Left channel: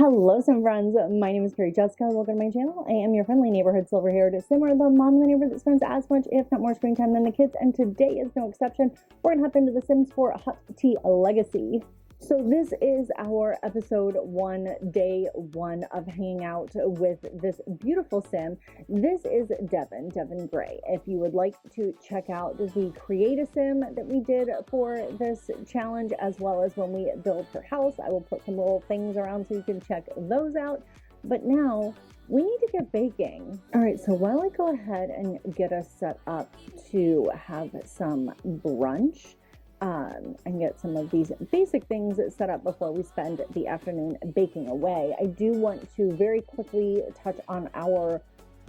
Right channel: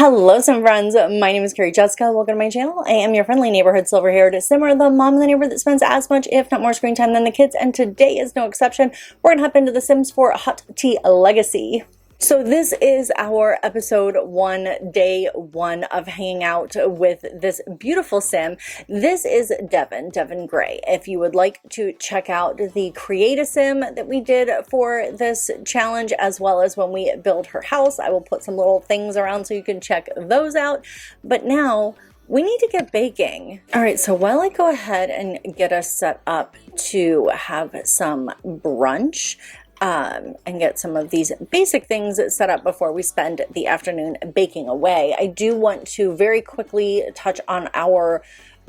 Hello, some friends. My name is Carrie Jessica. Welcome to my channel. I am your friendly neighborhood silver-haired simmer, the mom in the neighborhood that spends as much, if not more, screen time than the kids. And today is no exception. We're gonna hop into The Sims 4 Hot Tea Legacy. So this is our episode 1, day 1 of hanging out with this beautiful sim. This is Devin Gray. If you would like to check out the create a sim that we did for this challenge, as well as when we build her house, I will put some little things around so you can check those out. But now we need to get baking. All right, so while I go ahead and get us set up to have some brunch, and get some of these basic things set up before we spend the afternoon baking away, I do want to very quickly touch on our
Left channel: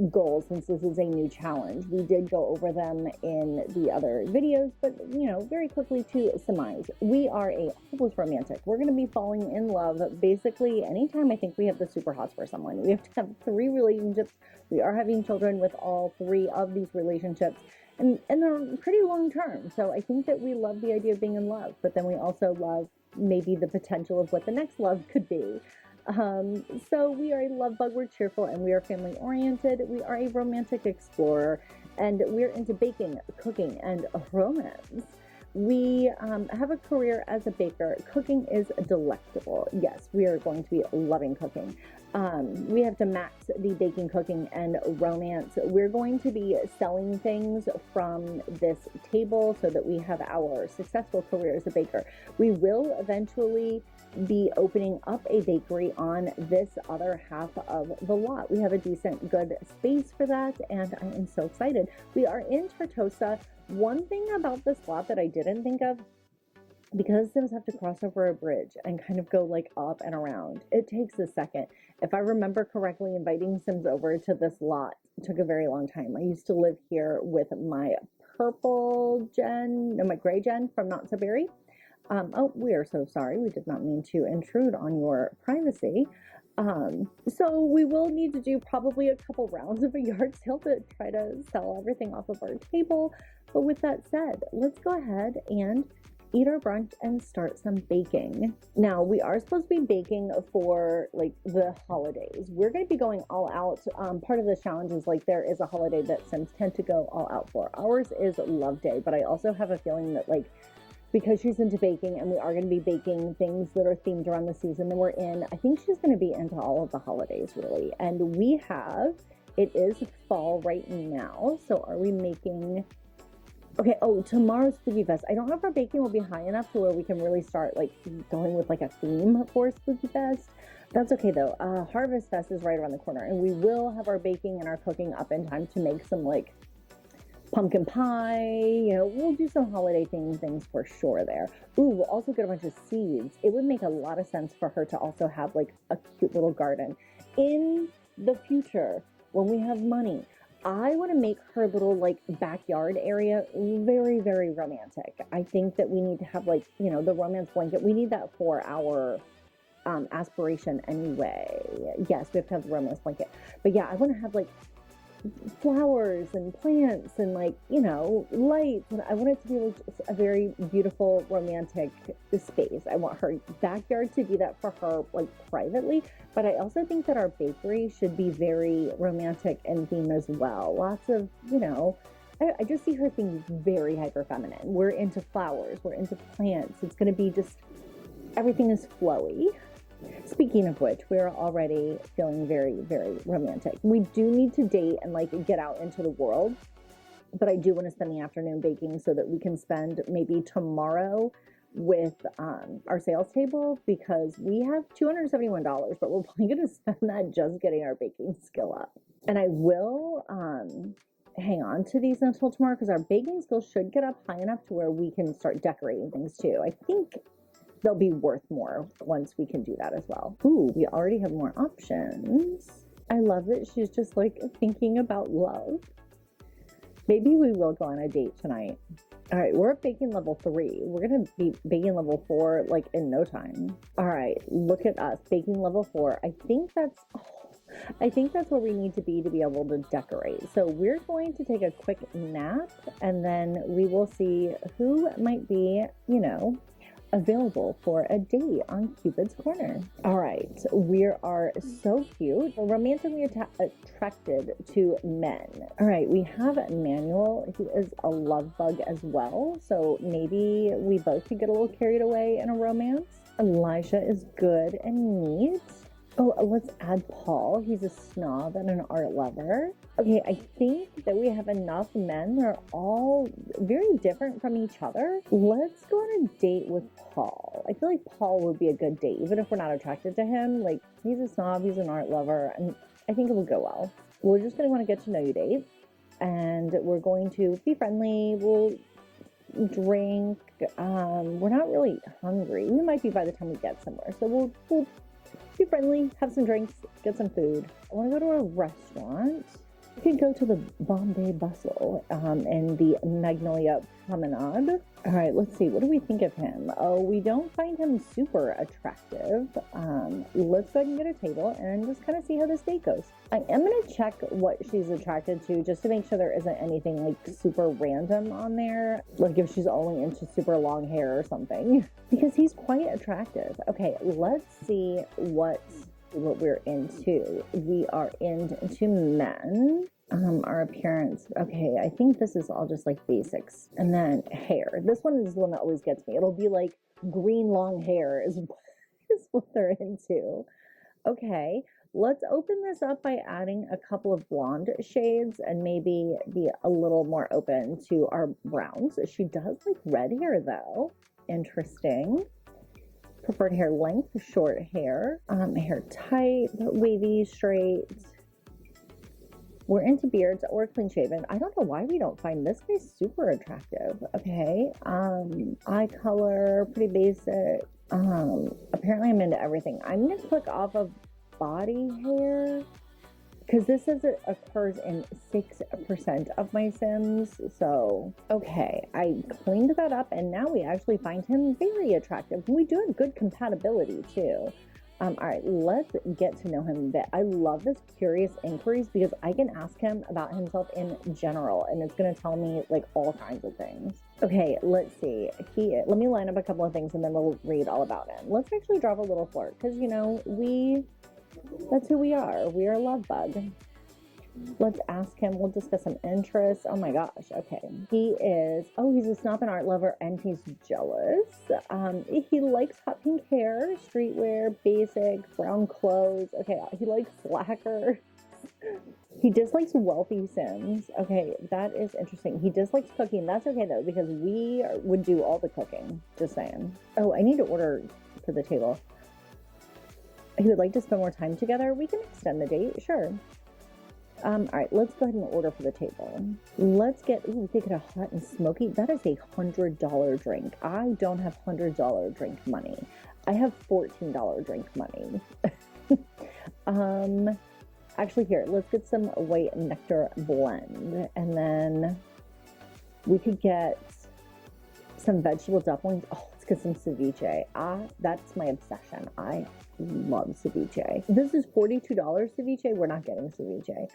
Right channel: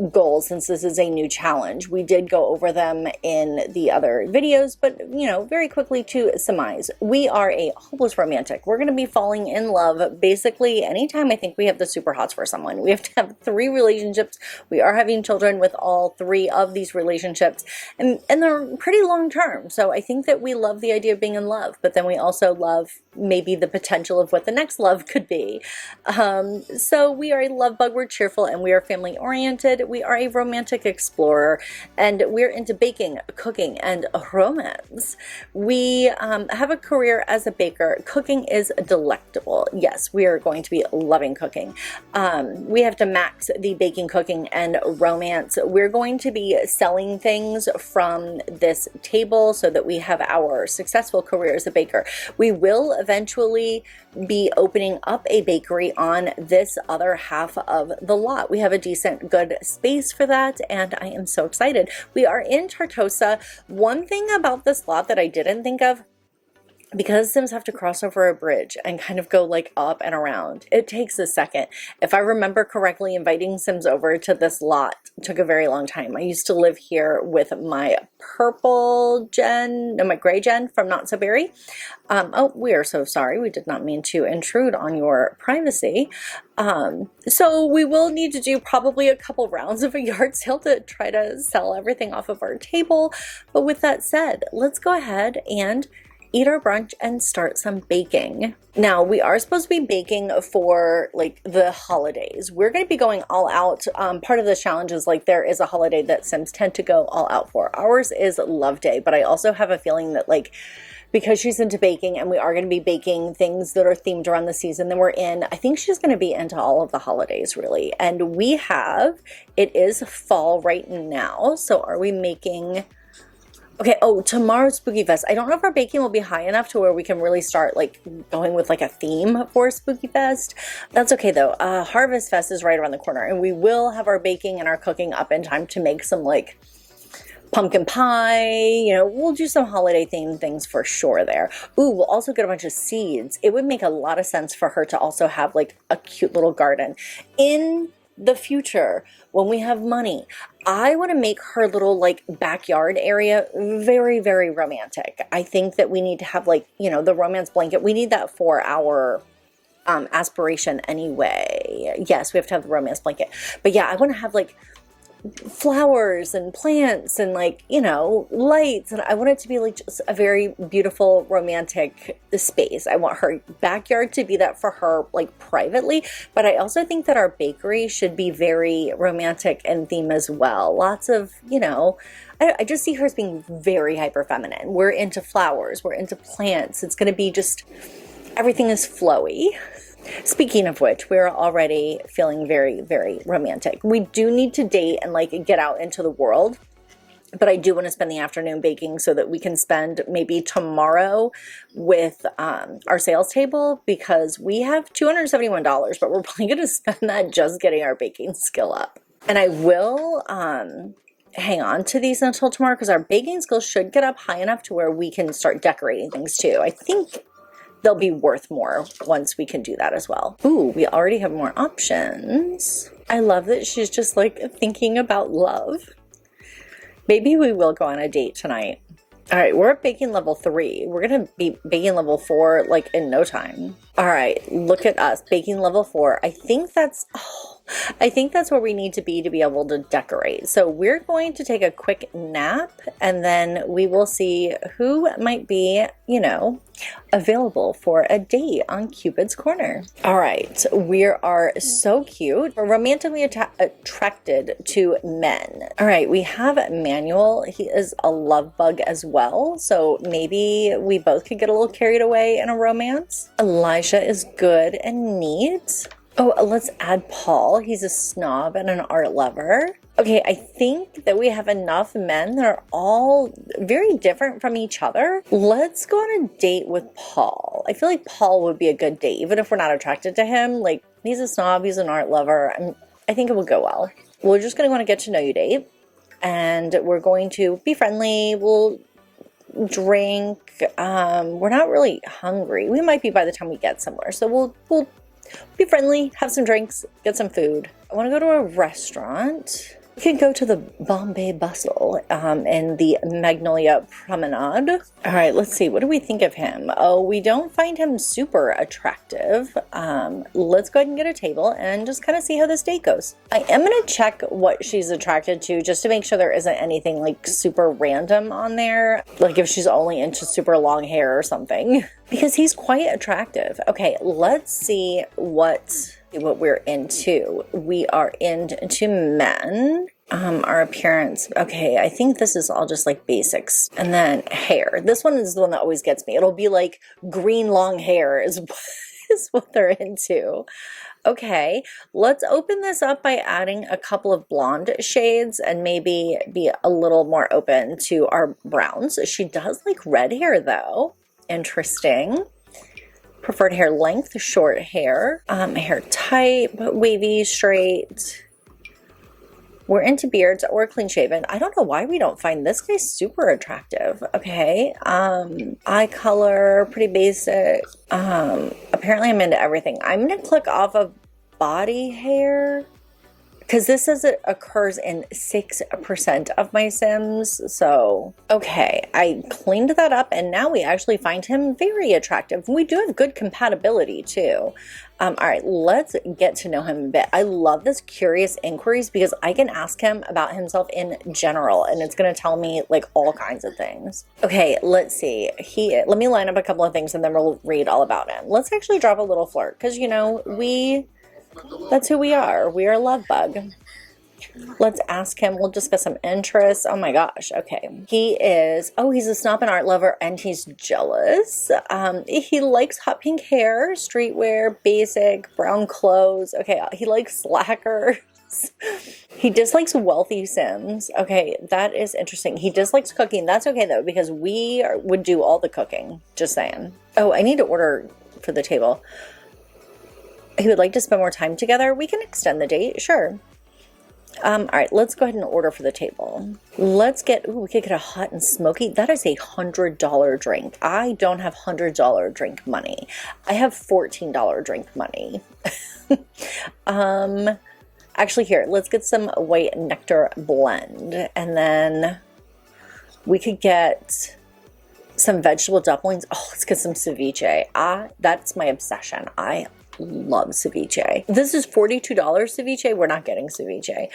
goals since this is a new challenge. We did go over them in the other videos, but very quickly to surmise, we are a hopeless romantic. We're going to be falling in love basically anytime I think we have the super hots for someone. We have to have 3 relationships. We are having children with all 3 of these relationships, and they're pretty long term. So I think that we love the idea of being in love, but then we also love maybe the potential of what the next love could be. So we are a love bug, we're cheerful, and we are family oriented. We are a romantic explorer, and we're into baking, cooking, and romance. We have a career as a baker. Cooking is delectable. Yes, we are going to be loving cooking. We have to max the baking, cooking, and romance. We're going to be selling things from this table so that we have our successful career as a baker. We will eventually be opening up a bakery on this other half of the lot. We have a decent, good space for that, and I am so excited. We are in Tartosa. One thing about this lot that I didn't think of, because Sims have to cross over a bridge and kind of go like up and around, it takes a second. If I remember correctly, inviting Sims over to this lot took a very long time. I used to live here with my my gray gen from Not So Berry. Oh, we are so sorry. We did not mean to intrude on your privacy. So we will need to do probably a couple rounds of a yard sale to try to sell everything off of our table. But with that said, let's go ahead and eat our brunch and start some baking. Now, we are supposed to be baking for like the holidays. We're going to be going all out. Part of the challenge is like there is a holiday that Sims tend to go all out for. Ours is Love Day, but I also have a feeling that like because she's into baking and we are going to be baking things that are themed around the season that we're in, I think she's going to be into all of the holidays really. And it is fall right now. So are we making... Okay, oh, tomorrow's Spooky Fest. I don't know if our baking will be high enough to where we can really start like going with like a theme for Spooky Fest. That's okay though. Harvest Fest is right around the corner, and we will have our baking and our cooking up in time to make some like pumpkin pie. We'll do some holiday themed things for sure there. Ooh, we'll also get a bunch of seeds. It would make a lot of sense for her to also have like a cute little garden. In the future, when we have money, I want to make her little like backyard area very, very romantic. I think that we need to have like, the romance blanket. We need that for our aspiration anyway. Yes, we have to have the romance blanket. But yeah, I want to have like flowers and plants and like lights, and I want it to be like just a very beautiful romantic space. I want her backyard to be that for her like privately, but I also think that our bakery should be very romantic in theme as well. Lots of I just see her as being very hyper feminine. We're into flowers, we're into plants. It's going to be just everything is flowy. Speaking of which, we're already feeling very, very romantic. We do need to date and like get out into the world, but I do want to spend the afternoon baking so that we can spend maybe tomorrow with our sales table, because we have $271, but we're probably going to spend that just getting our baking skill up. And I will hang on to these until tomorrow because our baking skills should get up high enough to where we can start decorating things too. I think they'll be worth more once we can do that as well. Ooh, we already have more options. I love that she's just like thinking about love. Maybe we will go on a date tonight. All right, we're at baking level 3. We're gonna be baking level 4 like in no time. All right, look at us, baking level 4. I think that's, I think that's where we need to be able to decorate. So we're going to take a quick nap and then we will see who might be, you know, available for a date on Cupid's Corner. All right, we are so cute. We're romantically attracted to men. All right, we have Manuel. He is a love bug as well. So maybe we both could get a little carried away in a romance. Elijah is good and neat. Oh, let's add Paul. He's a snob and an art lover. Okay, I think that we have enough men that are all very different from each other. Let's go on a date with Paul. I feel like Paul would be a good date, even if we're not attracted to him. Like, he's a snob, he's an art lover, and I think it will go well. We're just going to want to get to know you date, and we're going to be friendly. We'll drink. We're not really hungry. We might be by the time we get somewhere, so we'll be friendly, have some drinks, get some food. I want to go to a restaurant. We could go to the Bombay Bustle in the Magnolia Promenade. All right, let's see. What do we think of him? Oh, we don't find him super attractive. Let's go ahead and get a table and just kind of see how this date goes. I am going to check what she's attracted to just to make sure there isn't anything like super random on there. Like if she's only into super long hair or something. Because he's quite attractive. Okay, let's see what we're into. We are into men. Our appearance. Okay, I think this is all just like basics. And then hair. This one is the one that always gets me. It'll be like green long hair is what they're into. Okay, let's open this up by adding a couple of blonde shades and maybe be a little more open to our browns. She does like red hair though. Interesting. Preferred hair length, short hair. Hair type, wavy, straight. We're into beards or clean shaven. I don't know why we don't find this guy super attractive. Okay. Eye color, pretty basic. Apparently I'm into everything. I'm gonna click off of body hair because this says it occurs in 6% of my Sims. So, okay, I cleaned that up and now we actually find him very attractive. We do have good compatibility too. All right, let's get to know him a bit. I love this curious inquiries because I can ask him about himself in general and it's gonna tell me like all kinds of things. Okay, let's see. Let me line up a couple of things and then we'll read all about him. Let's actually drop a little flirt because you know, that's who we are. We are a love bug. Let's ask him. We'll discuss some interests. Oh my gosh. Okay. He's a snob and art lover and he's jealous. He likes hot pink hair, streetwear, basic, brown clothes. Okay. He likes slackers. He dislikes wealthy Sims. Okay. That is interesting. He dislikes cooking. That's okay though, because would do all the cooking. Just saying. Oh, I need to order for the table. He would like to spend more time together. We can extend the date, sure. All right, let's go ahead and order for the table. We could get a hot and smoky. That is $100 drink. I don't have $100 drink money. I have $14 drink money. Actually here, let's get some white nectar blend. And then we could get some vegetable dumplings. Oh, let's get some ceviche. That's my obsession. I love ceviche. This is $42 ceviche. We're not getting ceviche.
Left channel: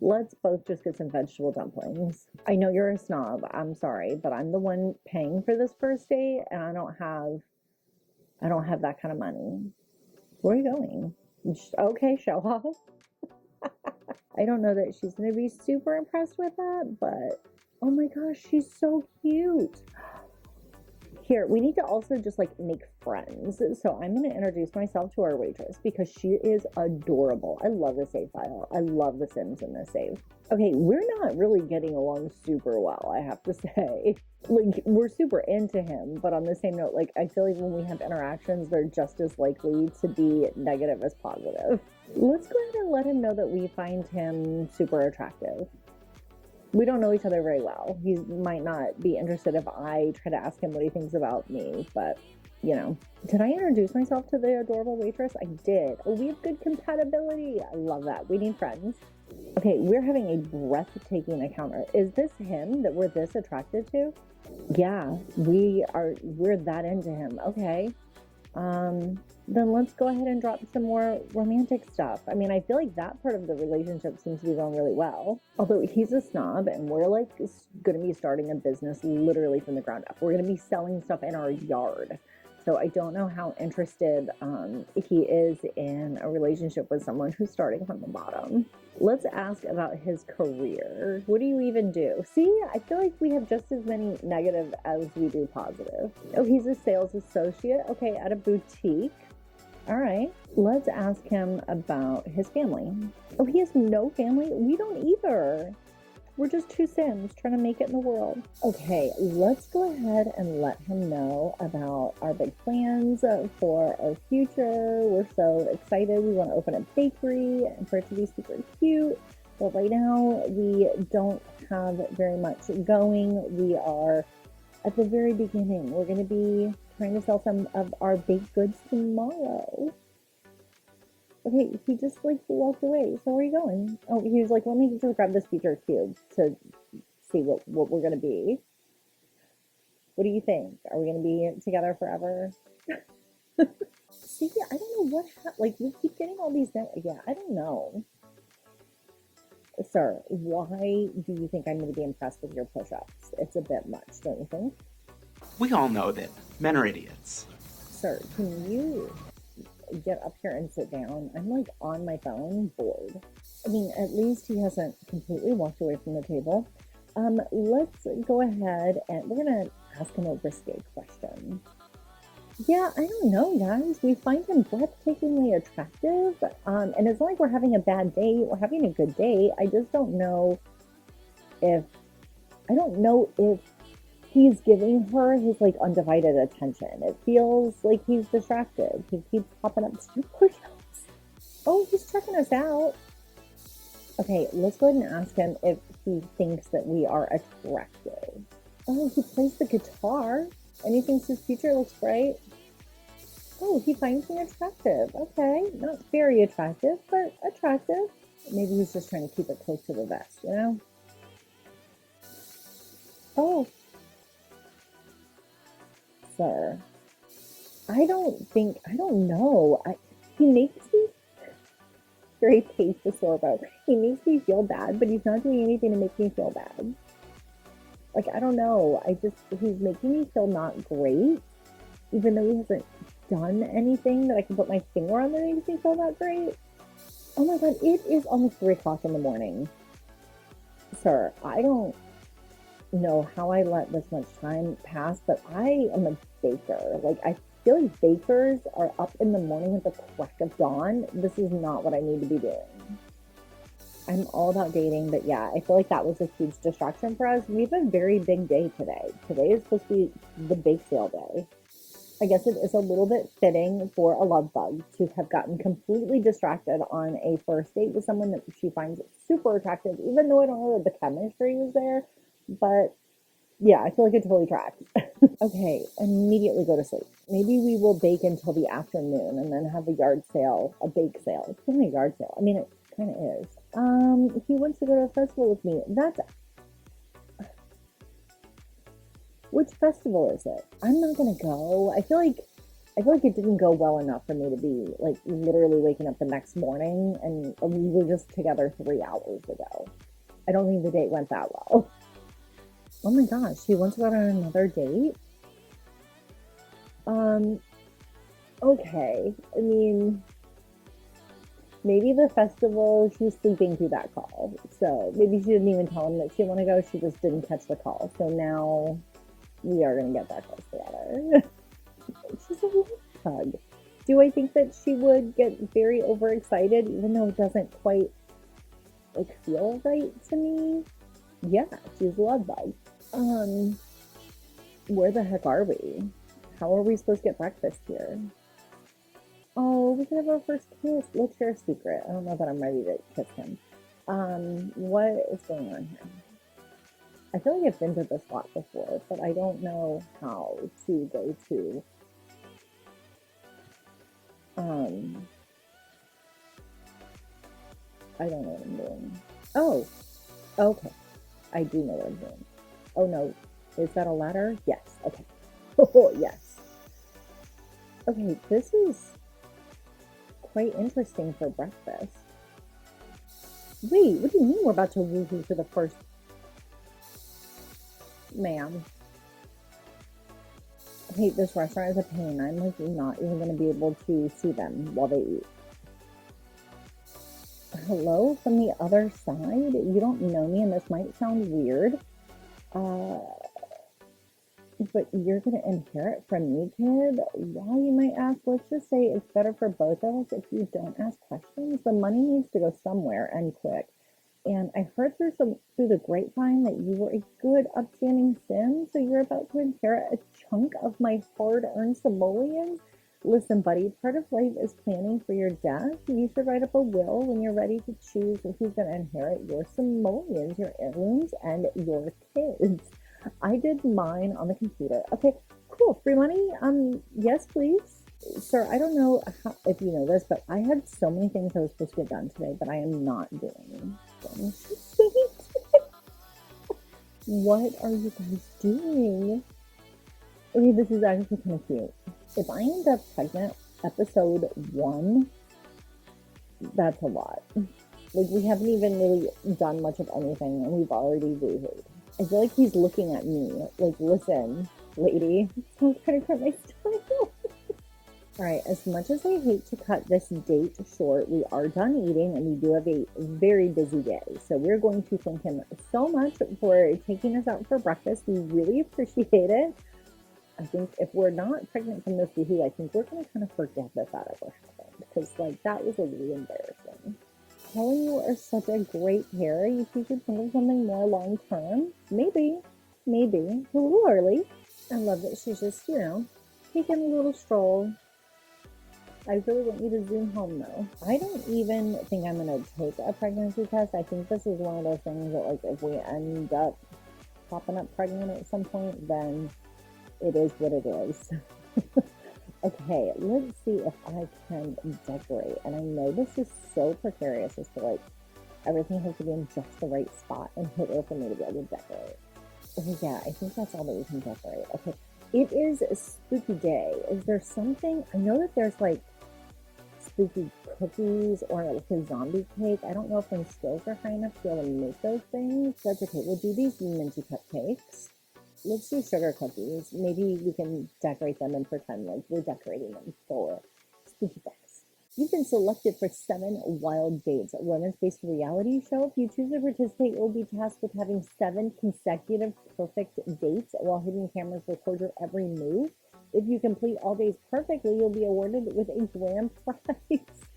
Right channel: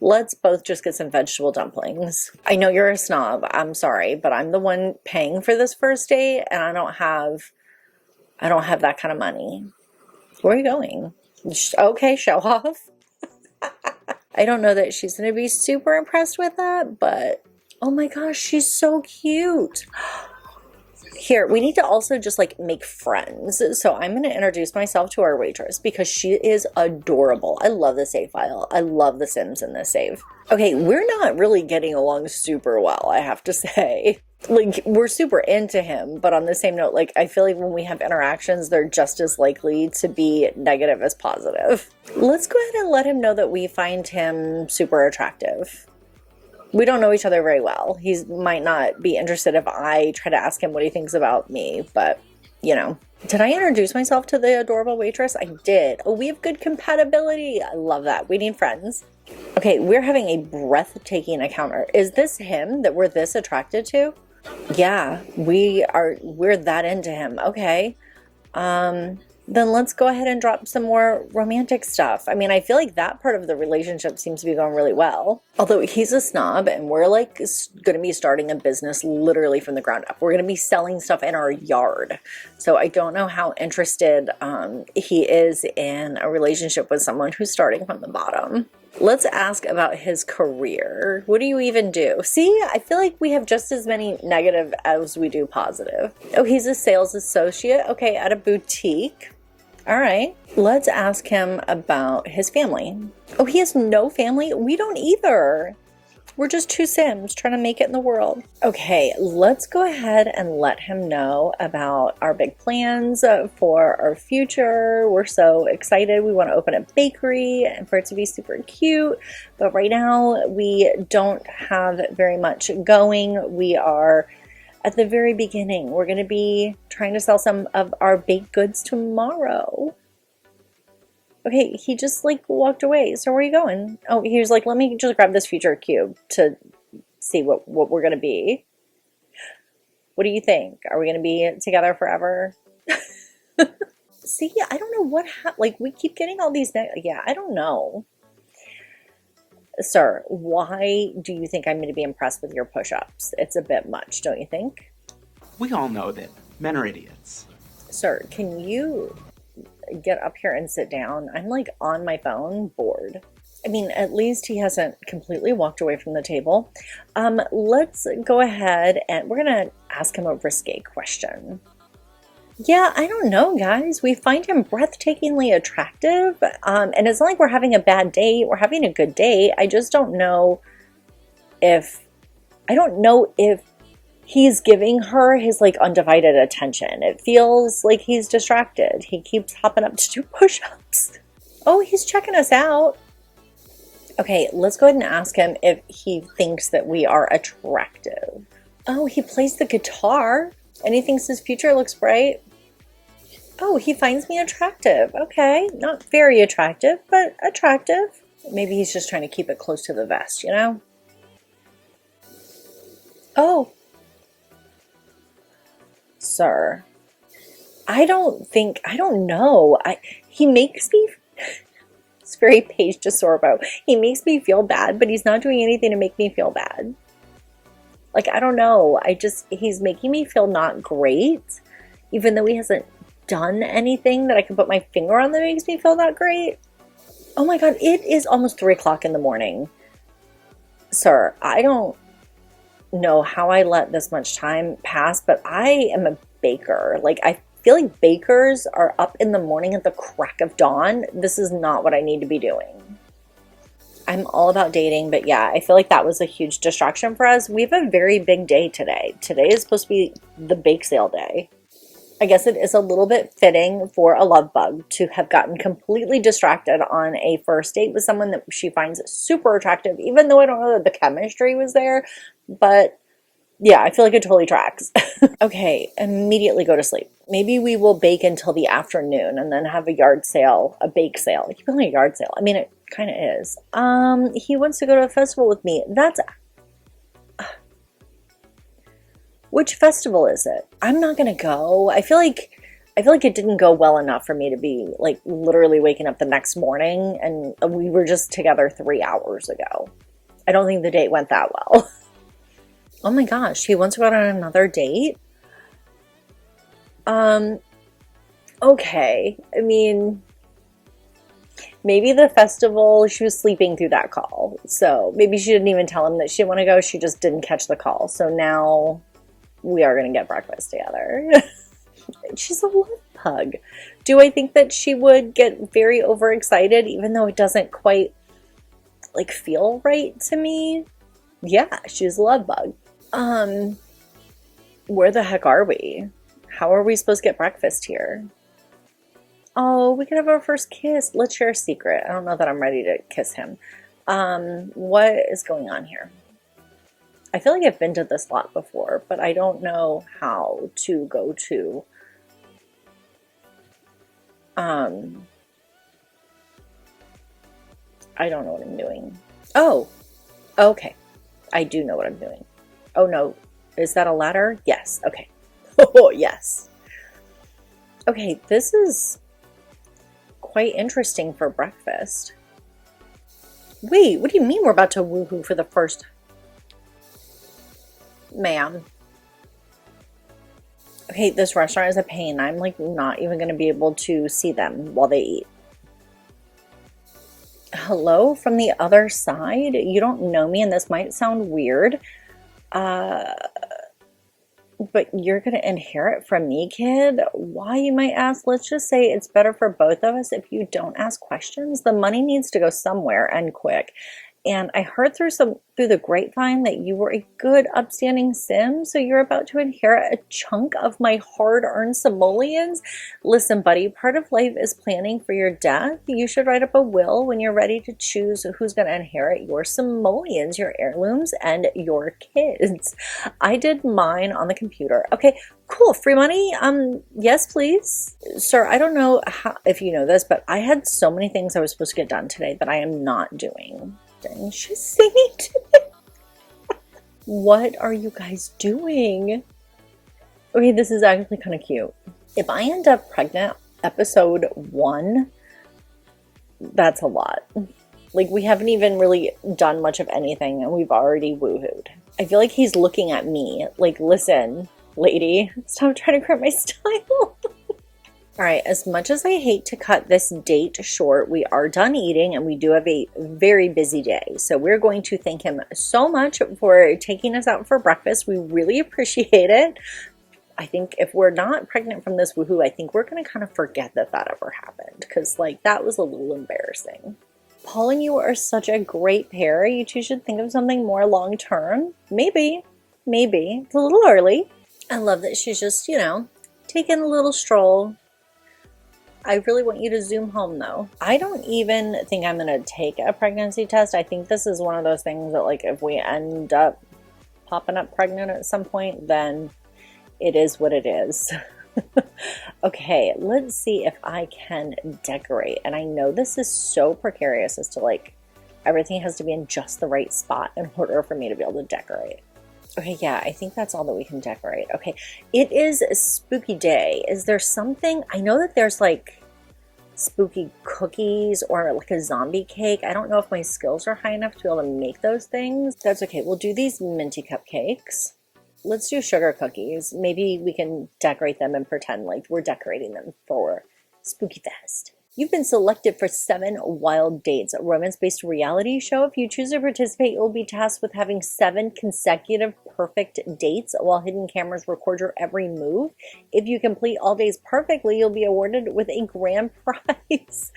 Let's both just get some vegetable dumplings. I know you're a snob. I'm sorry, but I'm the one paying for this first date and I don't have that kind of money. Where are you going? Okay, show off. I don't know that she's going to be super impressed with that, but oh my gosh, she's so cute. Here, we need to also just like make friends. So I'm going to introduce myself to our waitress because she is adorable. I love the save file. I love the Sims in this save. Okay, we're not really getting along super well, I have to say. Like, we're super into him, but on the same note, like, I feel like when we have interactions, they're just as likely to be negative as positive. Let's go ahead and let him know that we find him super attractive. We don't know each other very well. He might not be interested if I try to ask him what he thinks about me, but, you know. Did I introduce myself to the adorable waitress? I did. Oh, we have good compatibility. I love that. We need friends. Okay, we're having a breathtaking encounter. Is this him that we're this attracted to? Yeah, we're that into him. Okay. then let's go ahead and drop some more romantic stuff. I mean, I feel like that part of the relationship seems to be going really well. Although he's a snob and we're like going to be starting a business literally from the ground up. We're going to be selling stuff in our yard. So I don't know how interested he is in a relationship with someone who's starting from the bottom. Let's ask about his career. What do you even do? See, I feel like we have just as many negative as we do positive. Oh, he's a sales associate. Okay, at a boutique. All right. Let's ask him about his family. Oh, he has no family? We don't either. We're just two Sims trying to make it in the world. Okay, let's go ahead and let him know about our big plans for our future. We're so excited. We want to open a bakery and for it to be super cute. But right now we don't have very much going. We are at the very beginning. We're going to be trying to sell some of our baked goods tomorrow. Okay, he just like walked away. So where are you going? Oh, he was like, let me just grab this future cube to see what we're going to be. What do you think? Are we going to be together forever? See, I don't know what like we keep getting all these yeah, I don't know. Sir, why do you think I'm going to be impressed with your push-ups? It's a bit much, don't you think? We all know that men are idiots. Sir, can you get up here and sit down? I'm like on my phone, bored. I mean, at least he hasn't completely walked away from the table. Let's go ahead and we're gonna ask him a risque question. Yeah, I don't know, guys. We find him breathtakingly attractive. And it's not like we're having a bad date. We're having a good date. I just don't know if he's giving her his like undivided attention. It feels like he's distracted. He keeps hopping up to do push-ups. Oh, he's checking us out. Okay, let's go ahead and ask him if he thinks that we are attractive. Oh, he plays the guitar and he thinks his future looks bright. Oh, he finds me attractive. Okay, not very attractive, but attractive. Maybe he's just trying to keep it close to the vest, you know? Oh. Sir, I don't know. He makes me, it's very Paige DeSorbo. He makes me feel bad, but he's not doing anything to make me feel bad. Like, I don't know. He's making me feel not great, even though he hasn't done anything that I can put my finger on that makes me feel that great. Oh my God, it is almost 3 o'clock in the morning. Sir, I don't know how I let this much time pass, but I am a baker. Like, I feel like bakers are up in the morning at the crack of dawn. This is not what I need to be doing. I'm all about dating, but yeah, I feel like that was a huge distraction for us. We have a very big day today. Today is supposed to be the bake sale day. I guess it is a little bit fitting for a love bug to have gotten completely distracted on a first date with someone that she finds super attractive, even though I don't know that the chemistry was there. But yeah, I feel like it totally tracks. Okay, immediately go to sleep. Maybe we will bake until the afternoon and then have a yard sale, a bake sale. You call it a yard sale. I mean, it kind of is. He wants to go to a festival with me. Which festival is it? I'm not gonna go. I feel like it didn't go well enough for me to be like literally waking up the next morning, and we were just together 3 hours ago. I don't think the date went that well. Oh my gosh, he wants to go out on another date? Okay. I mean, maybe the festival, she was sleeping through that call. So maybe she didn't even tell him that she didn't want to go. She just didn't catch the call. So now we are going to get breakfast together. She's a love bug. Do I think that she would get very overexcited even though it doesn't quite like feel right to me? Yeah, she's a love bug. Where the heck are we? How are we supposed to get breakfast here? Oh, we could have our first kiss. Let's share a secret. I don't know that I'm ready to kiss him. What is going on here? I feel like I've been to this lot before, but I don't know how to go to. I don't know what I'm doing. Oh, okay. I do know what I'm doing. Oh no, is that a ladder? Yes, okay. Oh, yes. Okay, this is quite interesting for breakfast. Wait, what do you mean we're about to woohoo for the first? Ma'am. Okay, this restaurant is a pain. I'm like not even going to be able to see them while they eat. Hello from the other side? You don't know me and this might sound weird. But you're going to inherit from me, kid? Why, you might ask? Let's just say it's better for both of us if you don't ask questions. The money needs to go somewhere and quick. And I heard through the grapevine that you were a good, upstanding sim, so you're about to inherit a chunk of my hard-earned simoleons. Listen, buddy, part of life is planning for your death. You should write up a will when you're ready to choose who's going to inherit your simoleons, your heirlooms, and your kids. I did mine on the computer. Okay, cool. Free money? Yes, please. Sir, I don't know if you know this, but I had so many things I was supposed to get done today that I am not doing. And she's singing to me. What are you guys doing? Okay, this is actually kind of cute. If I end up pregnant episode 1, that's a lot. Like, we haven't even really done much of anything and we've already woohooed. I feel like he's looking at me like, listen, lady, stop trying to grab my style. All right, as much as I hate to cut this date short, we are done eating and we do have a very busy day. So we're going to thank him so much for taking us out for breakfast. We really appreciate it. I think if we're not pregnant from this woohoo, I think we're going to kind of forget that ever happened because, like, that was a little embarrassing. Paul and you are such a great pair. You two should think of something more long term. Maybe. It's a little early. I love that she's just, you know, taking a little stroll. I really want you to zoom home though. I don't even think I'm gonna take a pregnancy test. I think this is one of those things that, like, if we end up popping up pregnant at some point, then it is what it is. Okay, let's see if I can decorate. And I know this is so precarious as to, like, everything has to be in just the right spot in order for me to be able to decorate. Okay, yeah, I think that's all that we can decorate. Okay, it is a spooky day. Is there something? I know that there's like spooky cookies or like a zombie cake. I don't know if my skills are high enough to be able to make those things. That's okay. We'll do these minty cupcakes. Let's do sugar cookies. Maybe we can decorate them and pretend like we're decorating them for Spooky Fest. You've been selected for 7 Wild Dates, a romance-based reality show. If you choose to participate, you'll be tasked with having 7 consecutive perfect dates while hidden cameras record your every move. If you complete all days perfectly, you'll be awarded with a grand prize.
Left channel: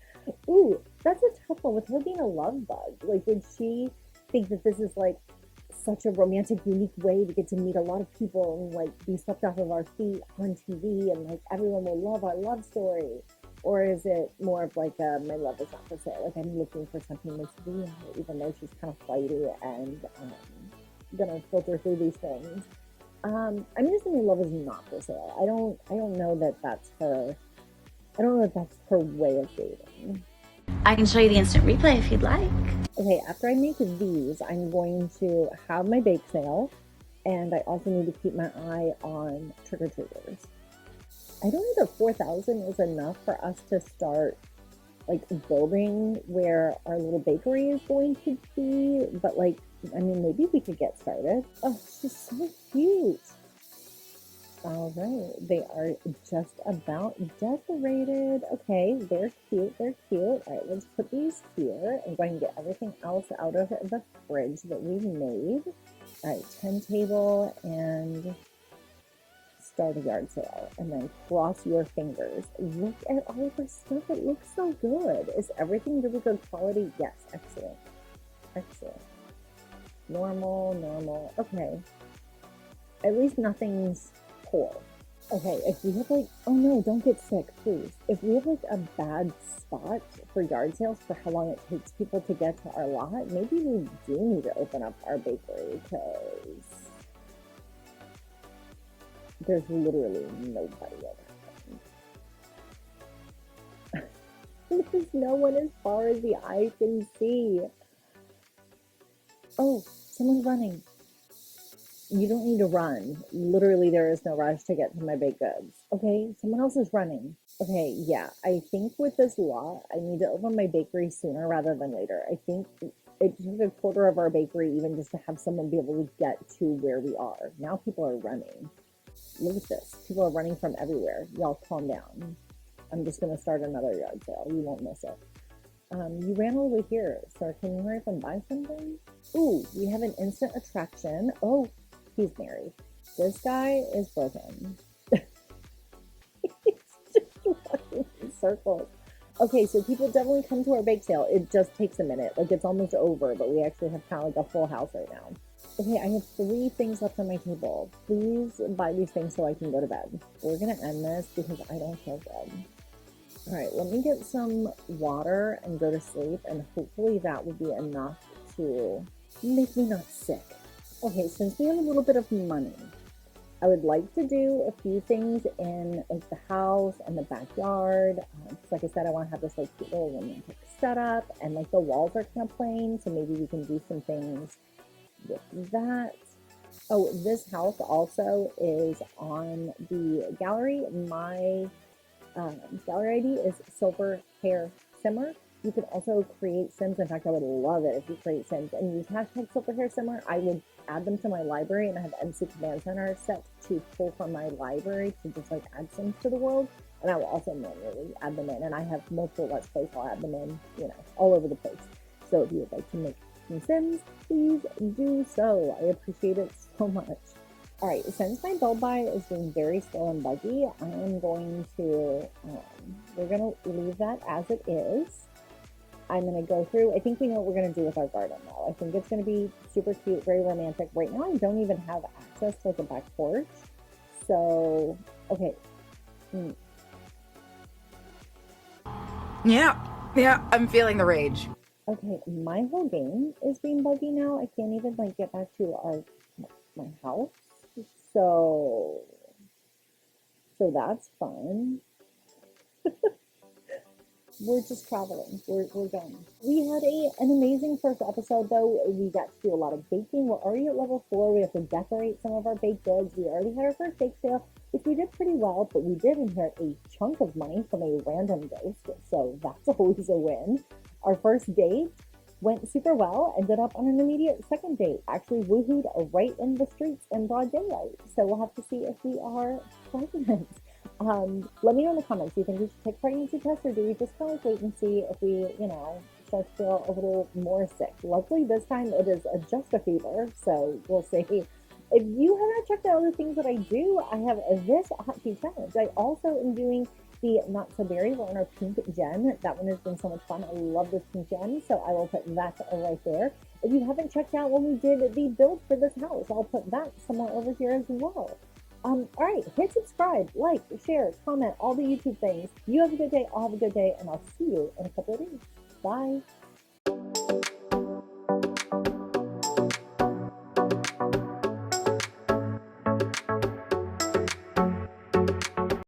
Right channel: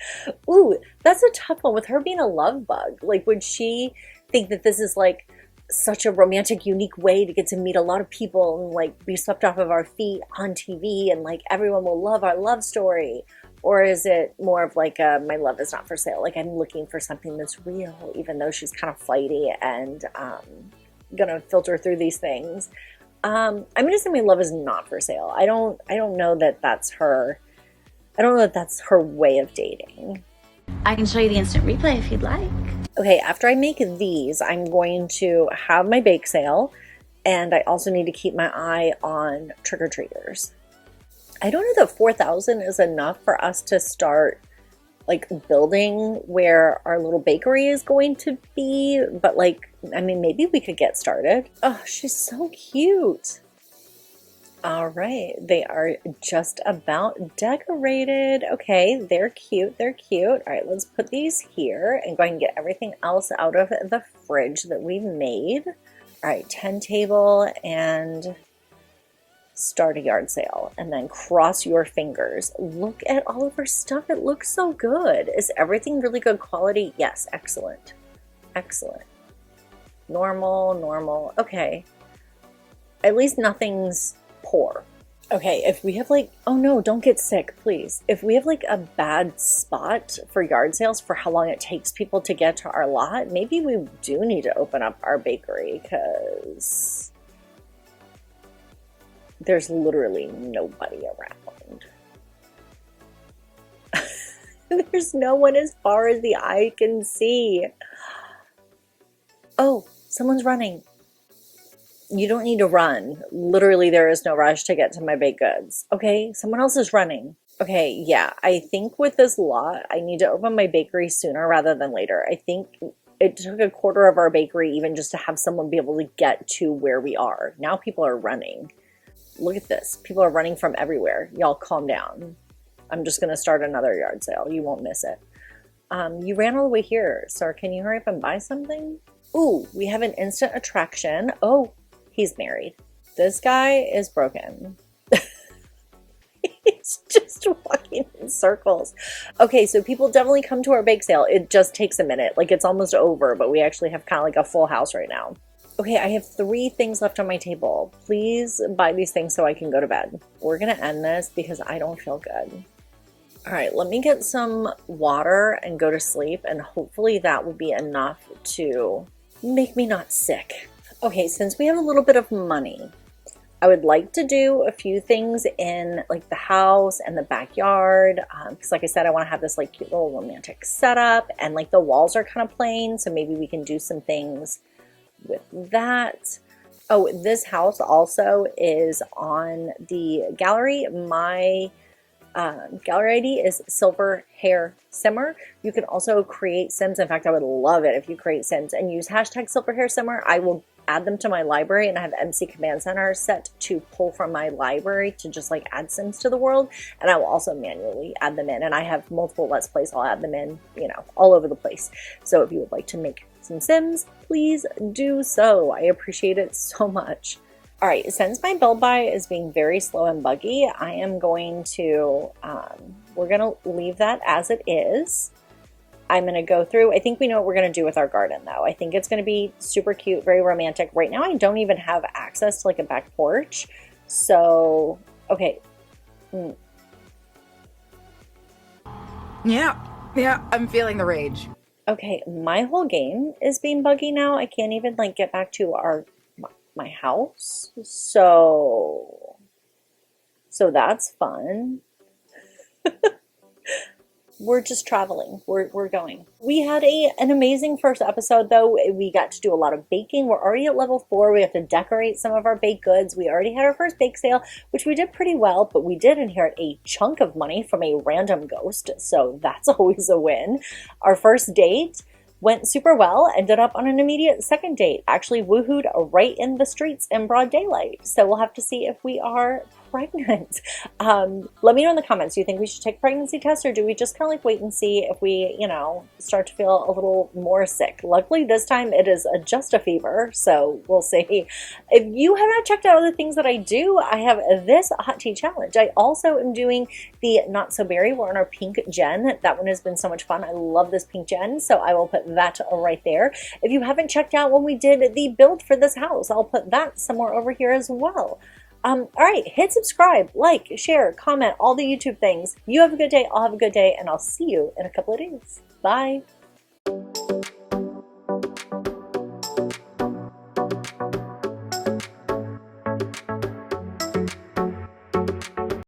Ooh, that's a tough one. With her being a love bug, like, would she think that this is like such a romantic, unique way to get to meet a lot of people and like be swept off of our feet on TV and like everyone will love our love story? Or is it more of like my love is not for sale? Like, I'm looking for something that's real, even though she's kind of flighty and gonna filter through these things. I'm gonna say my love is not for sale. I don't know that that's her. I don't know that that's her way of dating. I can show you the instant replay if you'd like. Okay, after I make these, I'm going to have my bake sale, and I also need to keep my eye on trick-or-treaters. I don't know that 4,000 is enough for us to start like building where our little bakery is going to be, but like, I mean, maybe we could get started. Oh, she's so cute. All right, they are just about decorated. Okay, they're cute, they're cute. All right, let's put these here and go ahead and get everything else out of the fridge that we made. All right, 10 table and start a yard sale and then cross your fingers. Look at all of her stuff. It looks so good. Is everything really good quality? Yes, excellent. Excellent. Normal. Okay. At least nothing's poor. Okay, if we have like, oh no, don't get sick, please. If we have like a bad spot for yard sales for how long it takes people to get to our lot, maybe we do need to open up our bakery because there's literally nobody around. There's no one as far as the eye can see. Oh, someone's running. You don't need to run. Literally, there is no rush to get to my baked goods. Okay, someone else is running. Okay, yeah, I think with this lot, I need to open my bakery sooner rather than later. I think it took a quarter of our bakery even just to have someone be able to get to where we are. Now people are running. Look at this. People are running from everywhere. Y'all calm down. I'm just going to start another yard sale. You won't miss it. You ran all the way here, sir. Can you hurry up and buy something? Ooh, we have an instant attraction. Oh, he's married. This guy is broken. He's just walking in circles. Okay, so people definitely come to our bake sale. It just takes a minute. Like it's almost over, but we actually have kind of like a full house right now. Okay, I have 3 things left on my table. Please buy these things so I can go to bed. We're gonna end this because I don't feel good. All right, let me get some water and go to sleep, and hopefully that will be enough to make me not sick. Okay, since we have a little bit of money, I would like to do a few things in like the house and the backyard, because like I said, I want to have this like cute little romantic setup, and like the walls are kind of plain, so maybe we can do some things with that. Oh, this house also is on the gallery. My gallery ID is SilverHairSimmer. You can also create Sims. In fact, I would love it if you create Sims and use hashtag SilverHairSimmer. I will add them to my library, and I have MC Command Center set to pull from my library to just like add Sims to the world, and I will also manually add them in, and I have multiple Let's Plays. I'll add them in, you know, all over the place. So if you would like to make some Sims, please do so. I appreciate it so much. All right, since my build buy is being very slow and buggy, I am going to, we're going to leave that as it is. I'm going to go through, I think we know what we're going to do with our garden though. I think it's going to be super cute, very romantic. Right now I don't even have access to like a back porch. So, okay. Yeah, I'm feeling the rage. Okay, my whole game is being buggy now. I can't even like get back to my house. So that's fun. We're just traveling. We're going. We had an amazing first episode though. We got to do a lot of baking. We're already at level 4. We have to decorate some of our baked goods. We already had our first bake sale, which we did pretty well, but we did inherit a chunk of money from a random ghost. So that's always a win. Our first date went super well, ended up on an immediate second date. Actually woohooed right in the streets in broad daylight. So we'll have to see if we are pregnant. Let me know in the comments, do you think we should take a pregnancy test, or do we just kind of like wait and see if we, you know, start to feel a little more sick? Luckily this time it is just a fever, so we'll see. If you have not checked out other things that I do, I have this hot tea challenge. I also am doing the Not So Berry. We're on our pink gen. That one has been so much fun. I love this pink gen, so I will put that right there. If you haven't checked out when we did the build for this house, I'll put that somewhere over here as well. All right, hit subscribe, like, share, comment, all the YouTube things. You have a good day, I'll have a good day, and I'll see you in a couple of days. Bye.